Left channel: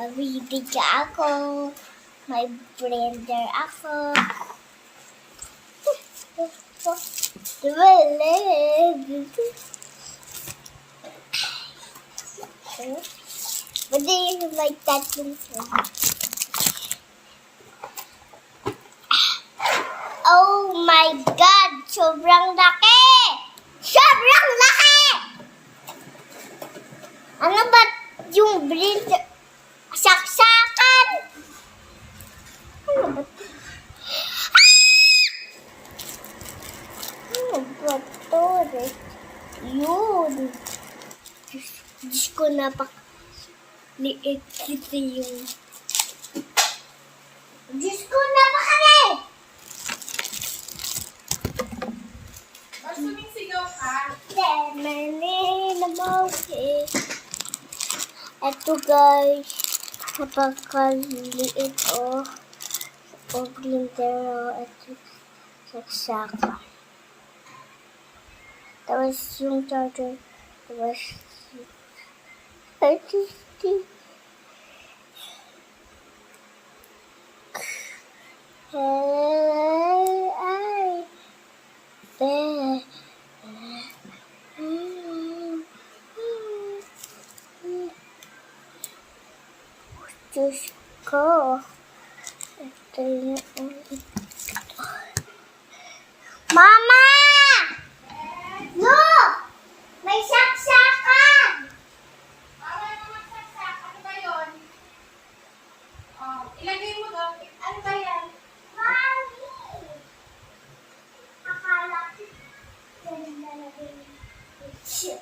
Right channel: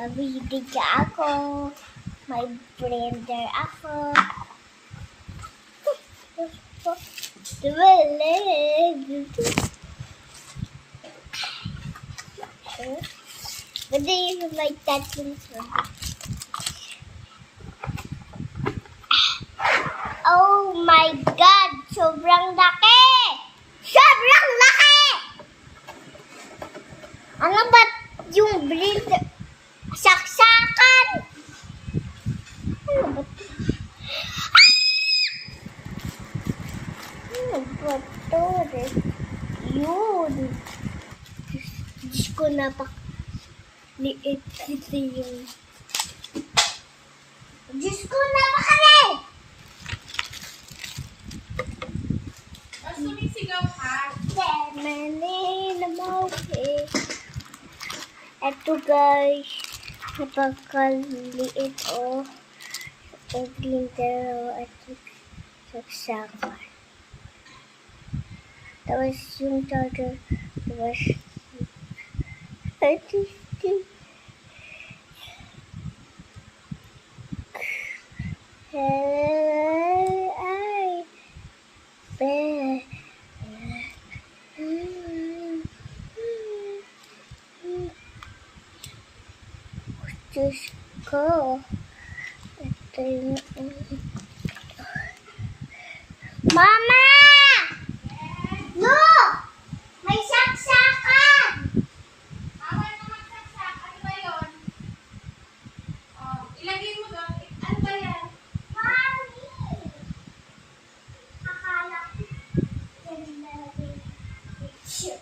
Mabibiga ako. May blender ako. Pwede yung may tatlong sila. Oh my God! Sobrang laki! Sobrang laki! Ano ba yung blender? Saksakan! Ano ba ito? Ano ba ito? Yun. Diyos ko, napaka-liit ito yung... Diyos ko, napaka-liit! Sumisigaw ka. Ito guys, napakaliit o blender o ito saksakan. Tapos yung charger, tapos ito Diyos ko. Ito yung... Mama! Look! May saksakan! Bawal na magsaksak. Ano ba yun? Oh, ilagay mo doon. Ano ba yan? Mami! Akala ko ganun na lagay.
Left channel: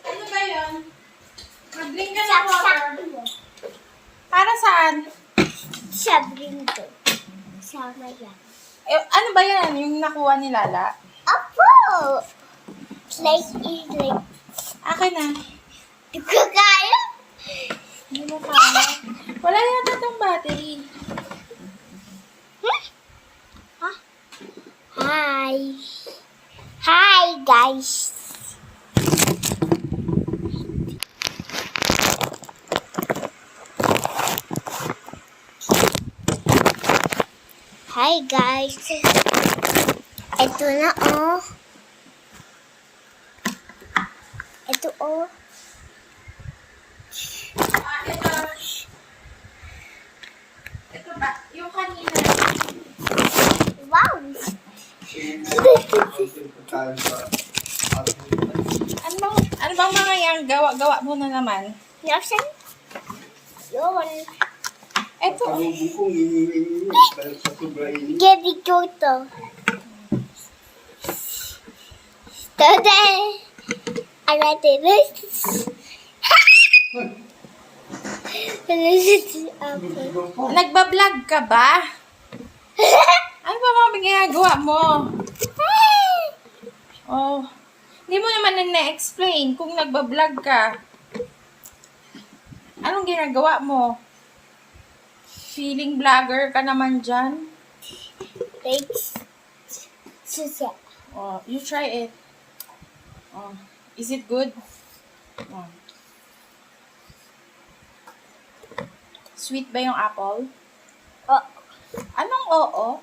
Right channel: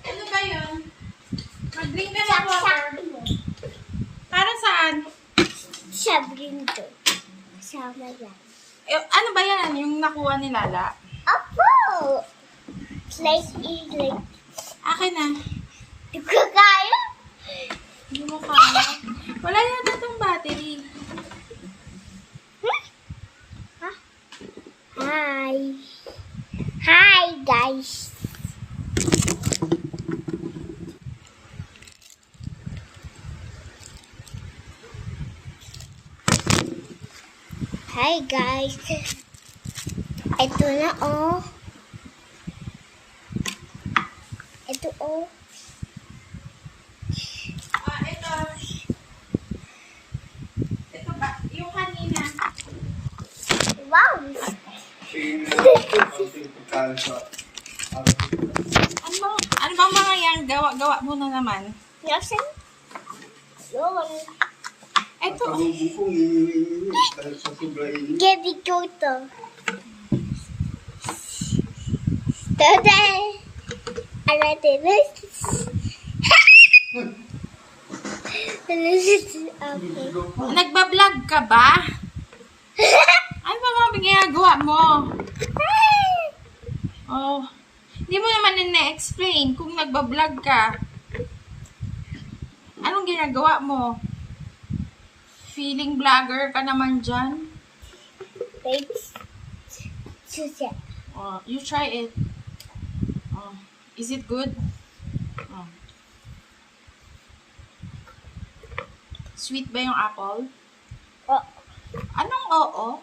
Ano ba yun? Mag-drink ka ng Saksak water. mo. Para saan? Sabi nito. Sama yan. Eh, ano ba yan? Yung nakuha ni Lala? Apo! Like. Akin na. Di ko kaya. Hindi mo kaya. Wala yata itong battery. Ha? Hi. Hi, guys. Hi, guys. Ito na, oh. Ito, oh. Ito. Ito ba? Yung kanina. Wow. Ano bang mga yan? Gawa mo na naman. Nasaan? Yun. Ito. Gabi ko to. Today, I did this. Nagbablog ka ba? Ano ba mga ginagawa mo? Oh. Hindi mo naman na-explain kung nagbablog ka. Anong ginagawa mo? Feeling vlogger ka naman dyan? Thanks. Susa. Oh, you try it. Oh. Is it good? Oh. Sweet ba yung apple? Oh, Anong oo?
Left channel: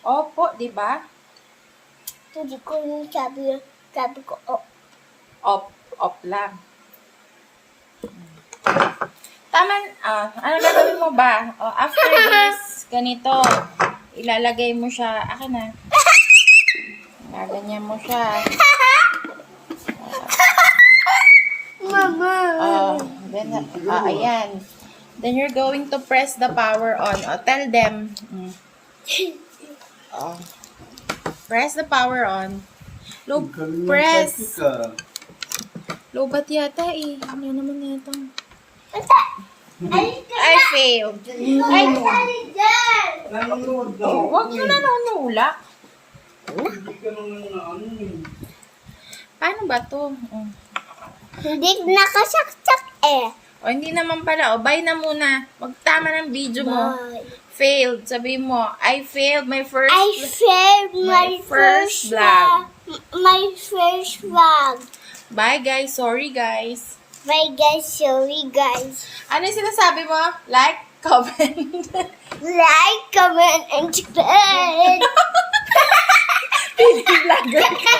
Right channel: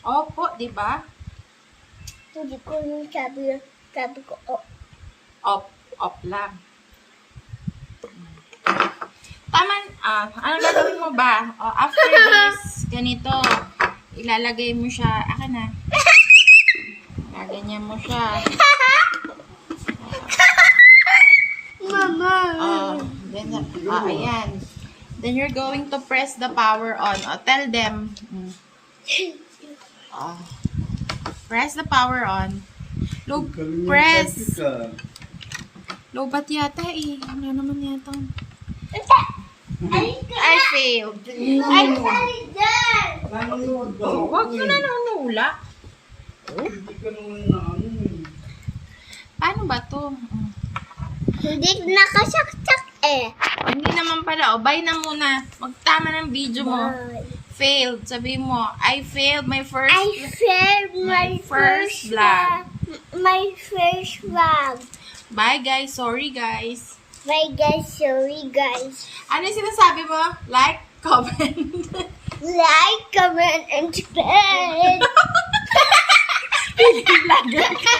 Opo, di ba? hindi ko yung sabi ko, oh. Op lang. Tama, ano gagawin mo ba? After this, ganito, ilalagay mo siya, akin na. Gaganyan mo siya. Mama. Then, ayan. Then you're going to press the power on. Tell them. Press the power on. Low, press. Low bat yata eh. Ano naman yata? I failed. Ay, sorry, Dad. Huwag mo na nanula. Paano ba to? Hindi nakasaksak eh. Hindi naman pala. Bye na muna. Magtama ng video mo. Bye. Failed. Sabi mo, I failed my first... I failed my first vlog. My first vlog. Bye guys. Sorry guys. Bye guys, sorry guys. Ano yung sinasabi mo? Like, comment. Like, comment, and subscribe. Baby vlogger ka.